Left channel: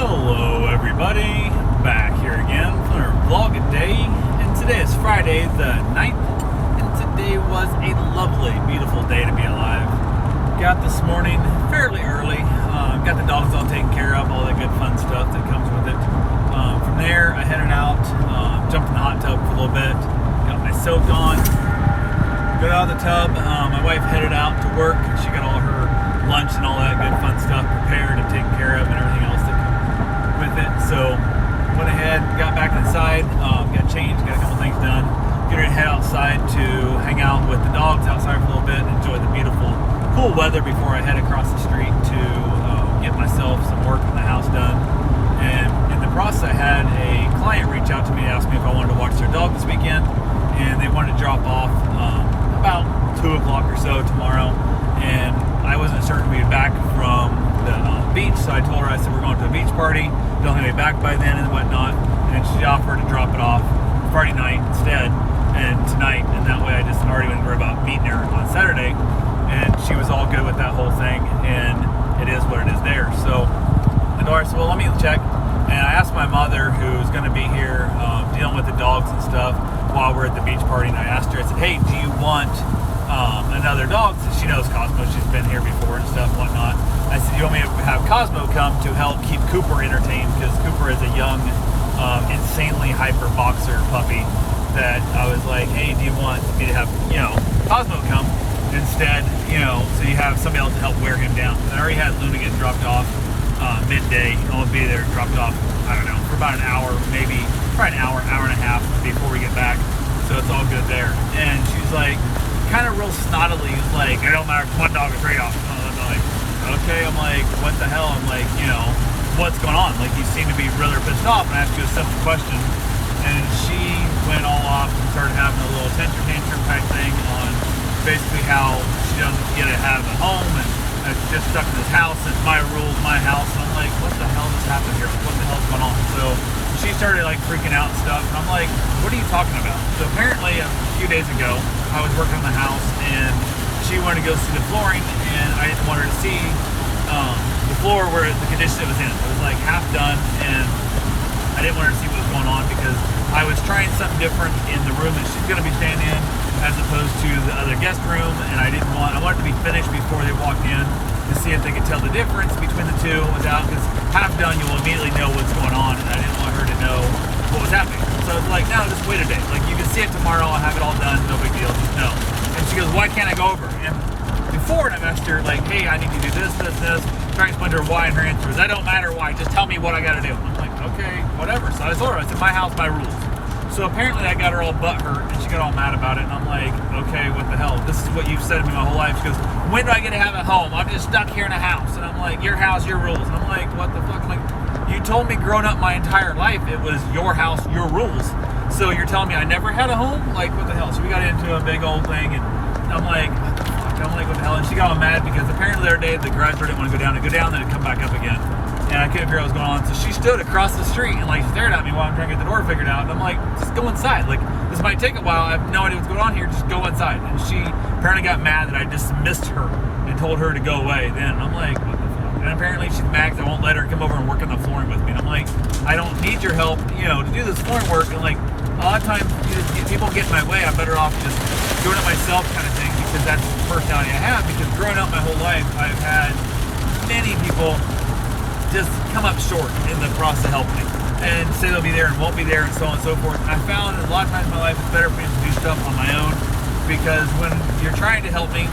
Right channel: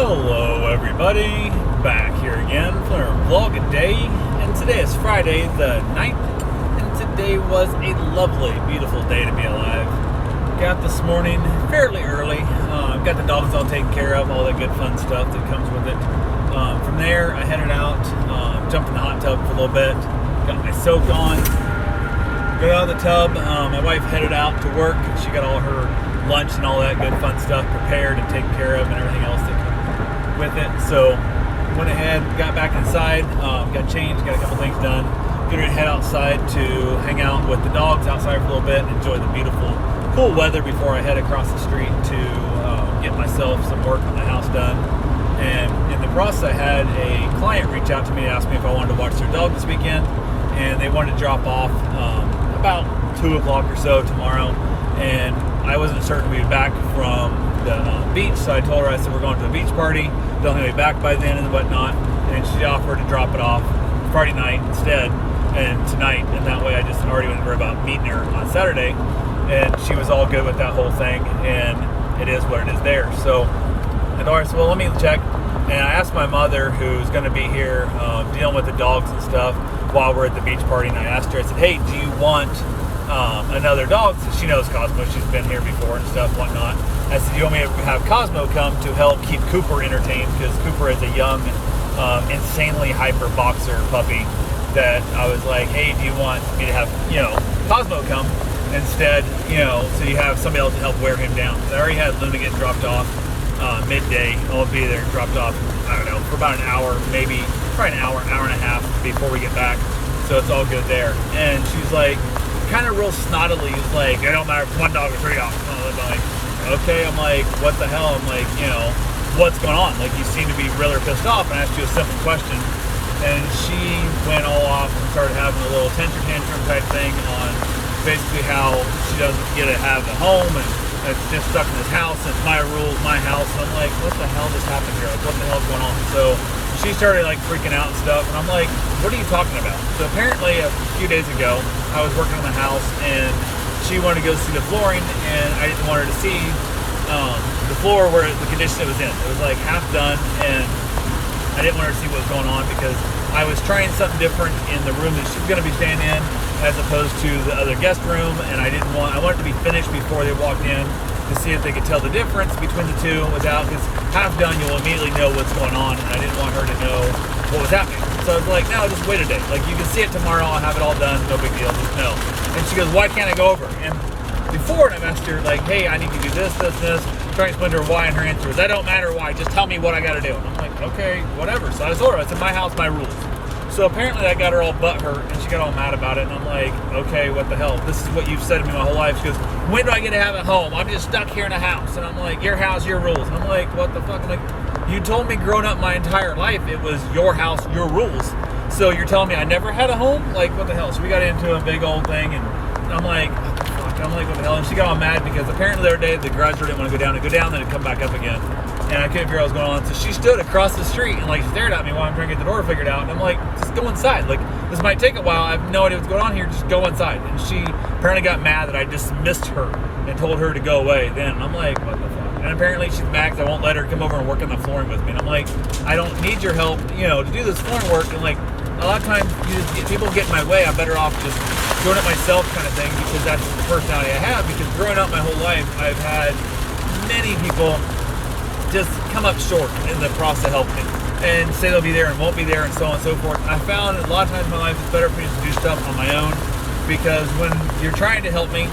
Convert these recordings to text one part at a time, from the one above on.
Hello everybody, back here again for our vlog a day, and today is Friday the 9th, and today was a lovely, beautiful day to be alive. Got this morning fairly early, got the dogs all taken care of, all that good fun stuff that comes with it. From there I headed out, jumped in the hot tub for a little bit, got my soak on, got out of the tub. My wife headed out to work, she got all her lunch and all that good fun stuff prepared and taken care of and everything else that comes with it. So went ahead, got back inside, got changed, got a couple things done, get ready to head outside to hang out with the dogs outside for a little bit, enjoy the beautiful cool weather before I head across the street to get myself some work in the house done. And in the process I had a client reach out to me and ask me if I wanted to watch their dog this weekend, and they wanted to drop off about 2 o'clock or so tomorrow, and I wasn't certain to be back from the beach, so I told her, I said, we're going to a beach party, don't think I'll be back by then and whatnot, and she offered to drop it off Friday night instead, and tonight, and that way I just already went worry about meeting her on Saturday, and she was all good with that whole thing, and it is what it is there. So I told her, so well, let me check, and I asked my mother, who's going to be here dealing with the dogs and stuff while we're at the beach party, and I asked her, I said, hey, do you want another dog? So she knows Cosmo, she's been here before and stuff, whatnot. I said, you want me to have Cosmo come to help keep Cooper entertained, because Cooper is a young, insanely hyper boxer puppy that I was like, hey, do you want me to have, Cosmo come instead, so you have somebody else to help wear him down. So I already had Luna get dropped off midday, and we'll be there dropped off, I don't know, for about an hour, maybe, probably an hour and a half before we get back. So it's all good there. And she's like, kind of real snottily, like, it don't matter if 1 dog or 3 dogs. I'm like, okay. I'm like, what the hell? I'm like, what's going on? Like, you seem to be really pissed off. And I asked you a simple question, and she went all off and started having a little temper tantrum type thing on basically how she doesn't get to have a home, and it's just stuck in this house, and it's my rules, my house. And I'm like, what the hell just happened here? Like, what the hell's going on? So she started like freaking out and stuff, and I'm like, what are you talking about? So apparently a few days ago, I was working on the house, and she wanted to go see the flooring, and I didn't want her to see the floor where the condition it was in. It was like half done, and I didn't want her to see what was going on, because I was trying something different in the room that she's going to be staying in as opposed to the other guest room, and I wanted it to be finished before they walked in to see if they could tell the difference between the two without, because half done you'll immediately know what's going on, and I didn't want her to know what was happening. So I was like, no, just wait a day. Like, you can see it tomorrow, I'll have it all done, no big deal, just know. And she goes, why can't I go over? And before, I asked her, like, hey, I need to do this, trying to explain to her why, and her answer is, that don't matter why, just tell me what I gotta do. And I'm like, okay, whatever. So I told her, I said, my house, my rules. So apparently I got her all butthurt, and she got all mad about it, and I'm like, okay, what the hell? This is what you've said to me my whole life. She goes, when do I get to have a home? I'm just stuck here in a house. And I'm like, your house, your rules. And I'm like, what the fuck? I'm like, you told me growing up my entire life it was your house, your rules. So you're telling me I never had a home? Like, what the hell? So we got into a big old thing, and I'm like, fuck, I'm like, what the hell? And she got all mad because apparently the other day the garage door didn't want to go down, then it'd come back up again. And I couldn't figure out what was going on. So she stood across the street and like stared at me while I'm trying to get the door figured out. And I'm like, just go inside. Like, this might take a while. I have no idea what's going on here. Just go inside. And she apparently got mad that I dismissed her and told her to go away. Then I'm like, what the fuck? And apparently she's mad because I won't let her come over and work on the flooring with me. And I'm like, I don't need your help, to do this flooring work. And like, a lot of times people get in my way. I'm better off just doing it myself kind of thing, because that's the personality I have. Because growing up my whole life, I've had many people just come up short in the process of helping me and say they'll be there and won't be there and so on and so forth. I found a lot of times in my life it's better for me to do stuff on my own, because when you're trying to help me,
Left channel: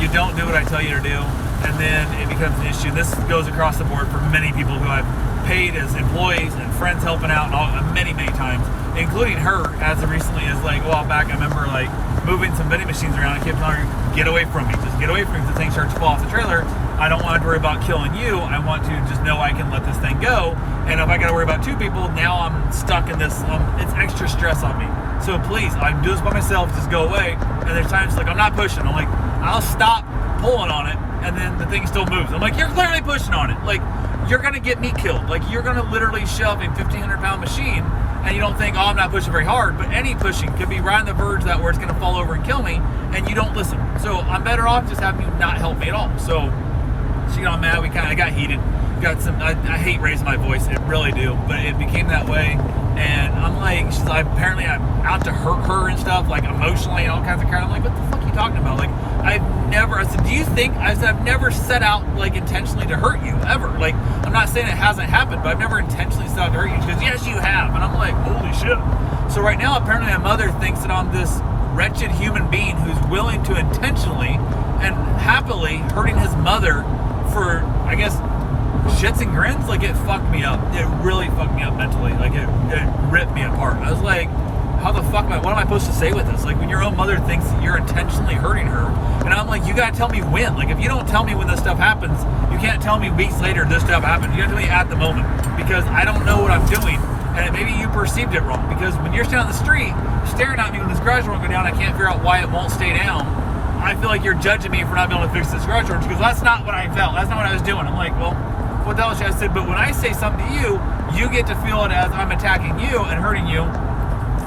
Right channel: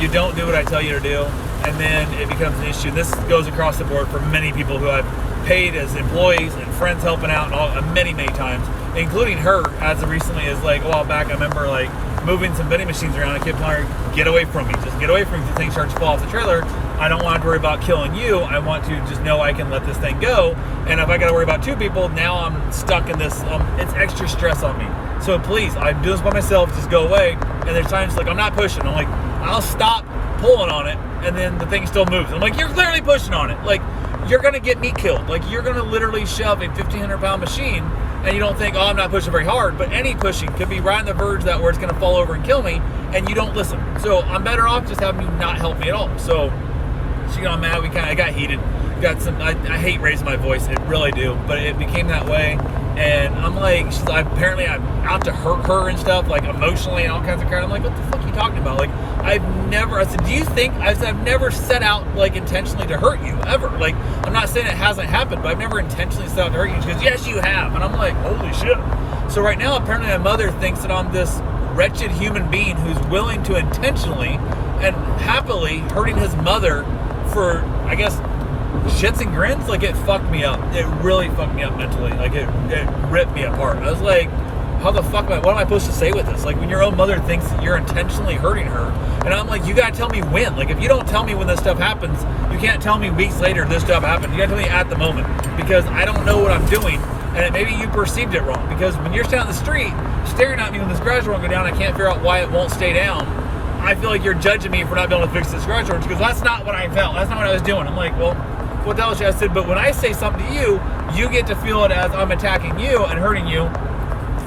you don't do what I tell you to do, and then it becomes an issue. This goes across the board for many people who I've paid as employees and friends helping out many times, including her as recently as like a while back. I remember like moving some vending machines around. I kept telling her, get away from me, just get away from me. The thing starts to fall off the trailer. I don't want to worry about killing you. I want to just know I can let this thing go. And if I got to worry about 2 people, now I'm stuck in this. It's extra stress on me. So please, I do this by myself. Just go away. And there's times like I'm not pushing. I'm like, I'll stop pulling on it, and then the thing still moves. I'm like, you're clearly pushing on it. Like, you're gonna get me killed. Like, you're gonna literally shove a 1,500-pound machine, and you don't think, oh, I'm not pushing very hard. But any pushing could be right on the verge that where it's gonna fall over and kill me, and you don't listen. So I'm better off just having you not help me at all. So she got mad. We kind of got heated. got some, I hate raising my voice, it really do, but it became that way. And I'm like, apparently I'm out to hurt her and stuff, like emotionally and all kinds of crap. I'm like, what the fuck are you talking about? Like, I said, do you think, I've never set out, like, intentionally to hurt you, ever. Like, I'm not saying it hasn't happened, but I've never intentionally set out to hurt you. She goes, yes, you have. And I'm like, holy shit. So right now, apparently my mother thinks that I'm this wretched human being who's willing to intentionally and happily hurting his mother for, I guess, shits and grins. Like, it fucked me up. It really fucked me up mentally. Like, it ripped me apart. I was like, how the fuck what am I supposed to say with this? Like, when your own mother thinks that you're intentionally hurting her, and I'm like, you gotta tell me when. Like, if you don't tell me when this stuff happens, you can't tell me weeks later this stuff happened. You gotta tell me at the moment, because I don't know what I'm doing, and maybe you perceived it wrong. Because when you're standing on the street staring at me when this garage door won't go down, I can't figure out why it won't stay down. I feel like you're judging me for not being able to fix this garage door, because that's not what I felt. That's not what I was doing. I'm like, well, what the hell? I said, but when I say something to you, you get to feel it as I'm attacking you and hurting you.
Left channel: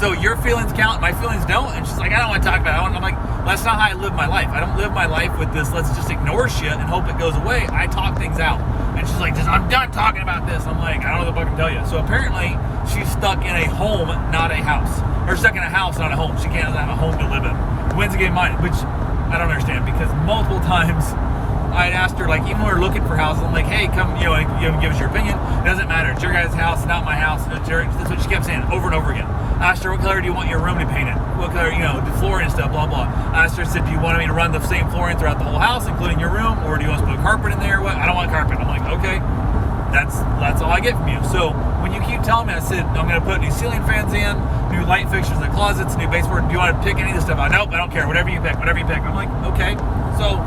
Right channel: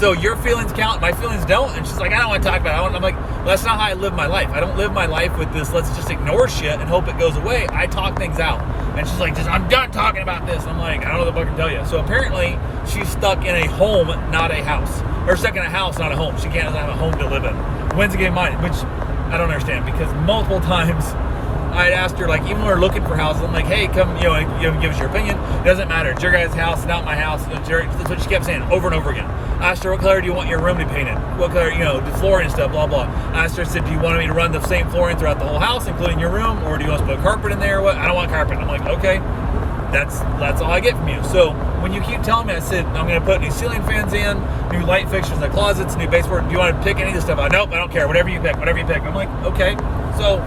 So your feelings count, my feelings don't. And she's like, I don't want to talk about it. I'm like, that's not how I live my life. I don't live my life with this, let's just ignore shit and hope it goes away. I talk things out. And she's like, I'm done talking about this. I'm like, I don't know what the fuck to tell you. So apparently she's stuck in a home, not a house. Or stuck in a house, not a home. She can't have a home to live in. When's the game mine? Which I don't understand, because multiple times I'd asked her, like, even when we were looking for houses, I'm like, hey, come, give us your opinion. It doesn't matter. It's your guys' house, not my house. That's what she kept saying over and over again. I asked her, what color do you want your room to be painted? What color, the flooring and stuff, blah, blah. I asked her, I said, do you want me to run the same flooring throughout the whole house, including your room, or do you want us to put carpet in there? What? I don't want carpet. I'm like, okay, that's all I get from you. So when you keep telling me, I said, I'm going to put new ceiling fans in, new light fixtures in the closets, new baseboard. Do you want to pick any of this stuff out? Nope, I don't care. Whatever you pick. I'm like, okay. So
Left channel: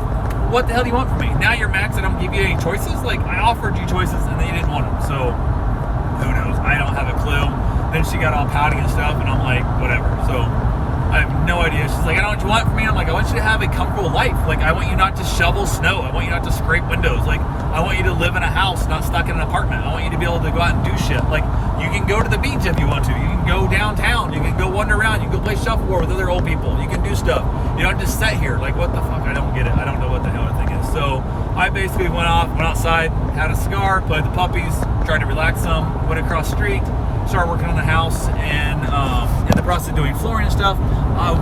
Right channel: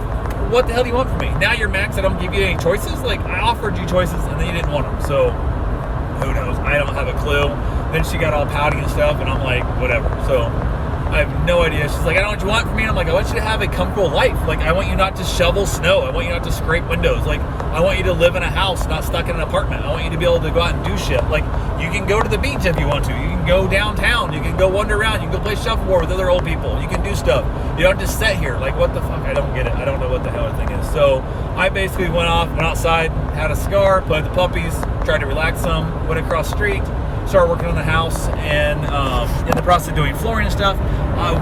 what the hell do you want from me? Now you're max, I don't give you any choices? Like, I offered you choices and then you didn't want them. So who knows? I don't have a clue. Then she got all pouty and stuff, and I'm like, whatever. So I have no idea. She's like, I don't know what you want from me. I'm like, I want you to have a comfortable life. Like, I want you not to shovel snow. I want you not to scrape windows. Like, I want you to live in a house, not stuck in an apartment. I want you to be able to go out and do shit. Like, you can go to the beach if you want to. You can go downtown. You can go wander around. You can go play shuffleboard with other old people. You can do stuff. You don't just sit here. Like, what the fuck? I don't get it. I don't know what the hell I think is. So I basically went outside, had a cigar, played the puppies, tried to relax some, went across the street, started working on the house, and in the process of doing flooring and stuff.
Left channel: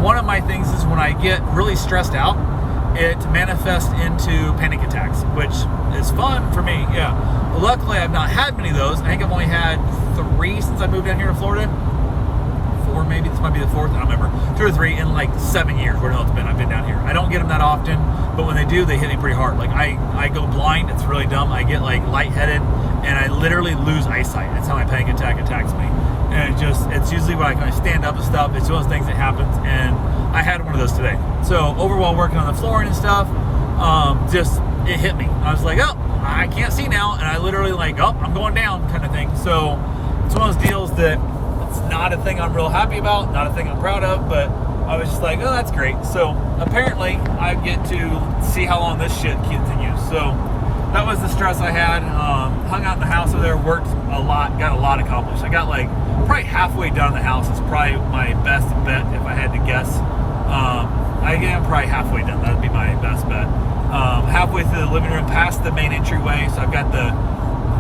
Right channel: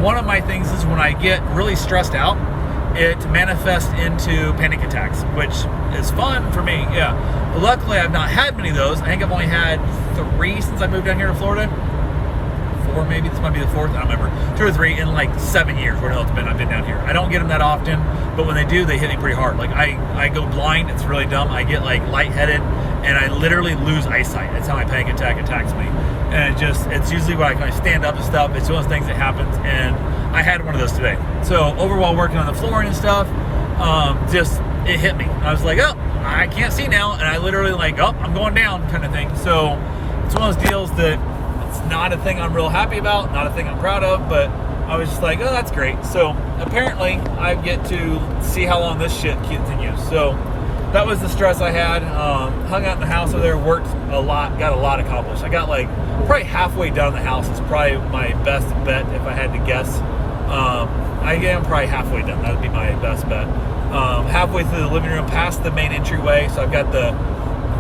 One of my things is when I get really stressed out, it manifests into panic attacks, which is fun for me. Yeah. Luckily, I've not had many of those. I think I've only had 3 since I moved down here to Florida. 4 maybe. This might be the 4th. I don't remember. 2 or 3 in like 7 years. Where the hell it's been? I've been down here. I don't get them that often, but when they do, they hit me pretty hard. Like I go blind. It's really dumb. I get like lightheaded, and I literally lose eyesight. That's how my panic attack attacks me. And it's usually when I stand up and stuff. It's one of those things that happens, and I had one of those today. So over while working on the flooring and stuff, it hit me. I was like, oh, I can't see now, and I literally like, oh, I'm going down kind of thing. So it's one of those deals that it's not a thing I'm real happy about, not a thing I'm proud of, but I was just like, oh, that's great. So apparently I get to see how long this shit continues. So that was the stress I had. Hung out in the house over there, worked a lot, got a lot accomplished. I got like probably halfway done the house. It's probably my best bet if I had to guess. I am probably halfway done. That would be my best bet. Halfway through the living room, past the main entryway. So I've got the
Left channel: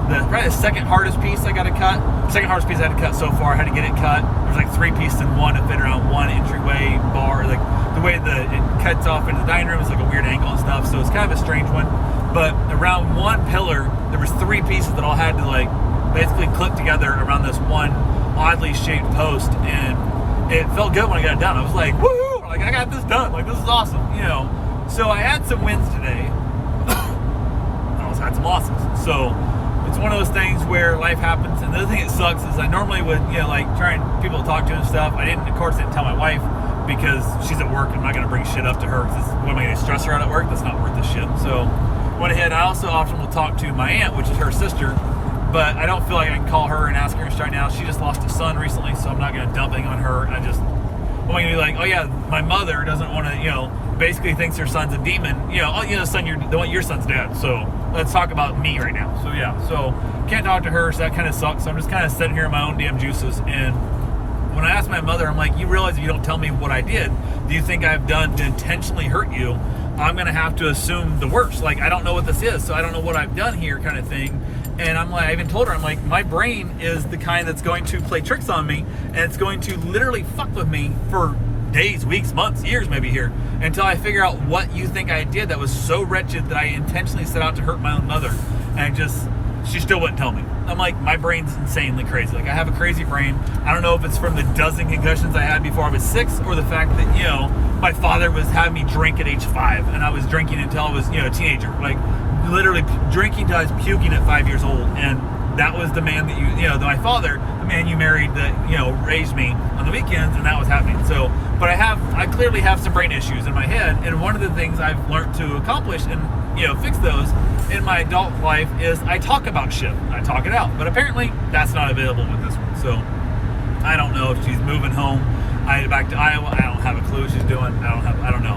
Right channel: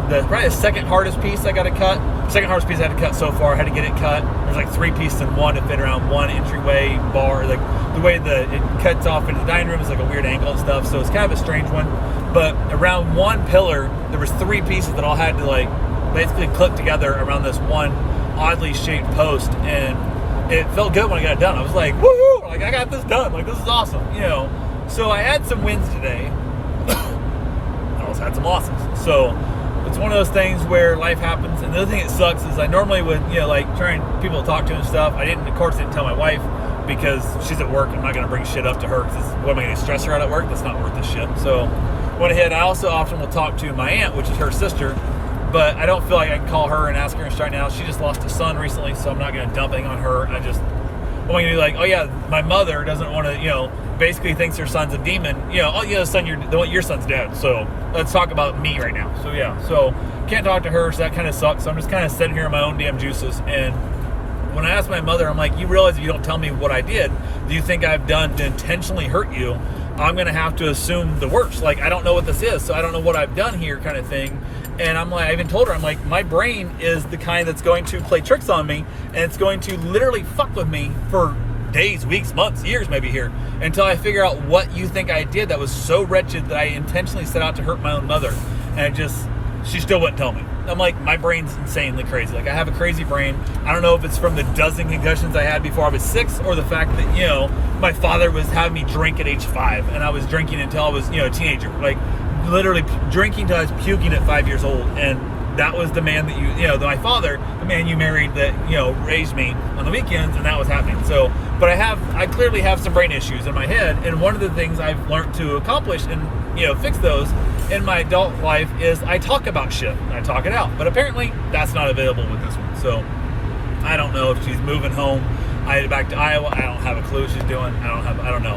probably the second hardest piece I got to cut. Second hardest piece I had to cut so far. I had to get it cut. There's like 3 pieces in one to fit around one entryway bar. Like the way it cuts off into the dining room is like a weird angle and stuff. So it's kind of a strange one. But around one pillar, there was 3 pieces that all had to like basically clip together around this one oddly shaped post, and it felt good when I got it done. I was like, woohoo! Like, I got this done. Like, this is awesome, So I had some wins today. I also had some losses. So it's one of those things where life happens. And the other thing that sucks is I normally would, like trying people to talk to and stuff. I didn't tell my wife because she's at work. I'm not going to bring shit up to her because what am I going to stress her out at work? That's not worth the shit. So went ahead. I also often will talk to my aunt, which is her sister, but I don't feel like I can call her and ask her right now. She just lost a son recently, so I'm not going to dump anything on her. I'm going to be like, oh yeah, my mother doesn't want to, basically thinks her son's a demon. Son, your son's dead. So let's talk about me right now. So yeah, so can't talk to her, so that kind of sucks. So I'm just kind of sitting here in my own damn juices. And when I asked my mother, I'm like, you realize if you don't tell me what I did, do you think I've done to intentionally hurt you? I'm going to have to assume the worst. Like, I don't know what this is, so I don't know what I've done here kind of thing. And I'm like, I even told her, I'm like, my brain is the kind that's going to play tricks on me, and it's going to literally fuck with me for days, weeks, months, years maybe here, until I figure out what you think I did that was so wretched that I intentionally set out to hurt my own mother. And she still wouldn't tell me. I'm like, my brain's insanely crazy. Like, I have a crazy brain. I don't know if it's from the dozen concussions I had before I was 6, or the fact that, you know, my father was having me drink at age 5, and I was drinking until I was, you know, a teenager. Like, literally drinking till I was puking at 5 years old. And that was the man that my father, the man you married that, you know, raised me on the weekends, and that was happening. So, but I clearly have some brain issues in my head, and one of the things I've learned to accomplish and, you know, fix those in my adult life is I talk about shit. I talk it out. But apparently that's not available with this one. So I don't know if she's moving home back to Iowa. I don't have a clue what she's doing. I don't know.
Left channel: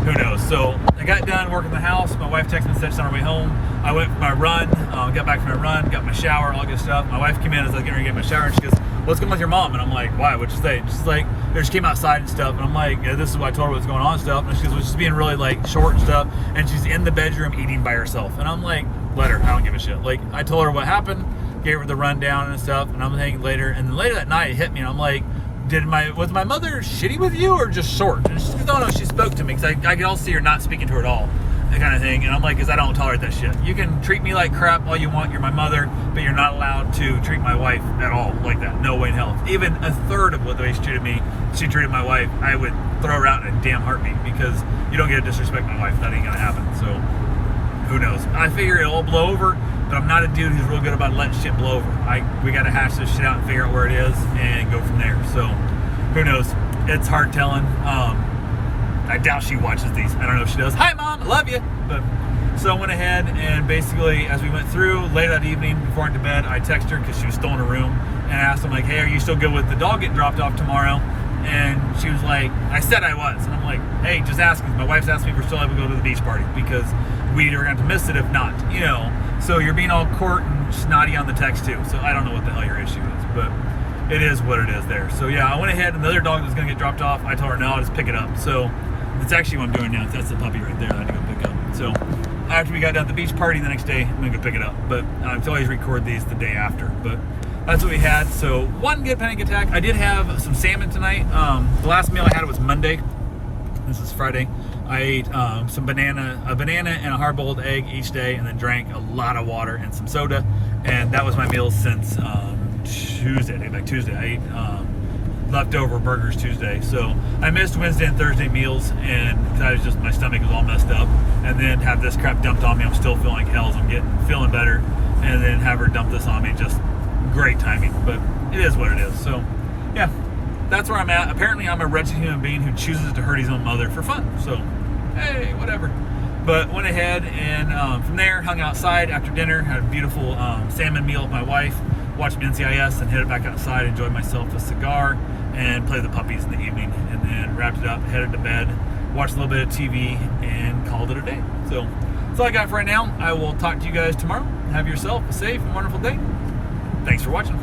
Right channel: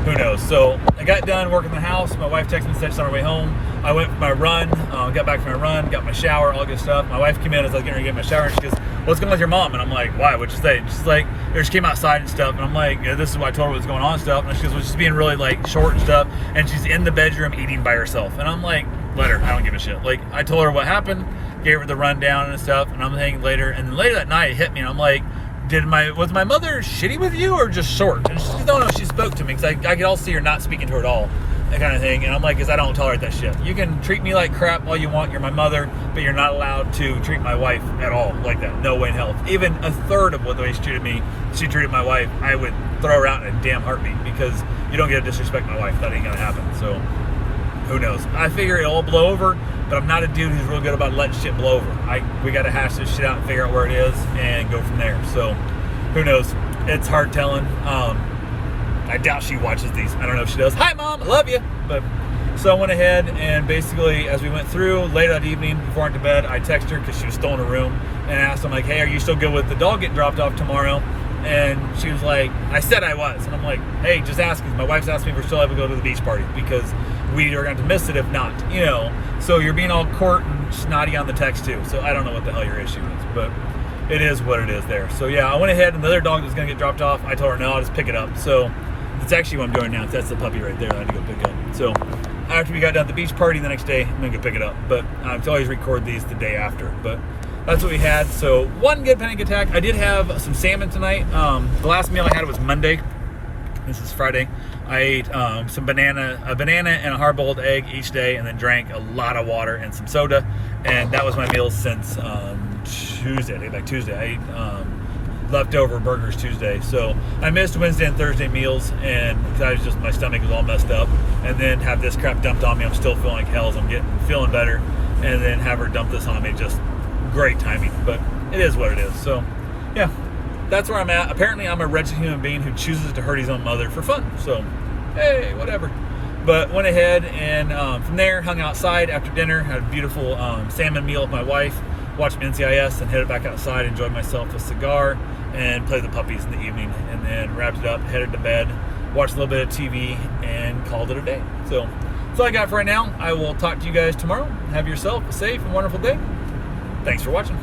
Who knows? So I got done working the house. My wife texted me and said she's on her way home. I went for my run, got back from my run, got my shower, all good stuff. My wife came in as I was getting ready to get my shower, and she goes, "What's going on with your mom?" And I'm like, "Why? What'd you say?" And she's like, she came outside and stuff. And I'm like, "Yeah, this is what I told her was going on and stuff." And she goes, "Well, she's being really like short and stuff." And she's in the bedroom eating by herself. And I'm like, let her. I don't give a shit. Like, I told her what happened, gave her the rundown and stuff. And I'm thinking later. And then later that night it hit me. And I'm like, was my mother shitty with you or just short? And she said, no, she spoke to me, because I could all see her not speaking to her at all, that kind of thing. And I'm like, because I don't tolerate that shit. You can treat me like crap all you want, you're my mother, but you're not allowed to treat my wife at all like that. No way in hell. Even a third of what the way she treated me, she treated my wife, I would throw her out in a damn heartbeat, because you don't get to disrespect my wife. That ain't gonna happen. So who knows? I figure it'll all blow over, but I'm not a dude who's real good about letting shit blow over. We got to hash this shit out and figure out where it is and go from there. So who knows? It's hard telling. I doubt she watches these. I don't know if she does. Hi, Mom. I love you. But so I went ahead and basically, as we went through late that evening before I went to bed, I texted her because she was still in her room, and asked her, like, "Hey, are you still good with the dog getting dropped off tomorrow?" And she was like, "I said I was." And I'm like, "Hey, just asking. My wife's asking if we're still able to go to the beach party, because we are going to miss it if not, you know." So you're being all court and snotty on the text too. So I don't know what the hell your issue is, but it is what it is there. So yeah, I went ahead, and the other dog was going to get dropped off. I told her, no, I'll just pick it up. So it's actually what I'm doing now. That's the puppy right there. I had to go pick up. So after we got done at the beach party the next day, I'm going to go pick it up. But I always record these the day after. But that's what we had. So one good panic attack. I did have some salmon tonight. The last meal I had was Monday. This is Friday. I ate a banana and a hard-boiled egg each day, and then drank a lot of water and some soda. And that was my meals since Tuesday. Like Tuesday, I ate leftover burgers Tuesday. So I missed Wednesday and Thursday meals, and because my stomach was all messed up. And then have this crap dumped on me. I'm still feeling like hell. So I'm feeling better, and then have her dump this on me. Just great timing. But it is what it is. So yeah. That's where I'm at. Apparently, I'm a wretched human being who chooses to hurt his own mother for fun. So, hey, whatever. But went ahead and from there, hung outside after dinner, had a beautiful salmon meal with my wife, watched NCIS, and headed back outside, enjoyed myself a cigar, and played the puppies in the evening. And then wrapped it up, headed to bed, watched a little bit of TV, and called it a day. So, that's all I got for right now. I will talk to you guys tomorrow. Have yourself a safe and wonderful day. Thanks for watching.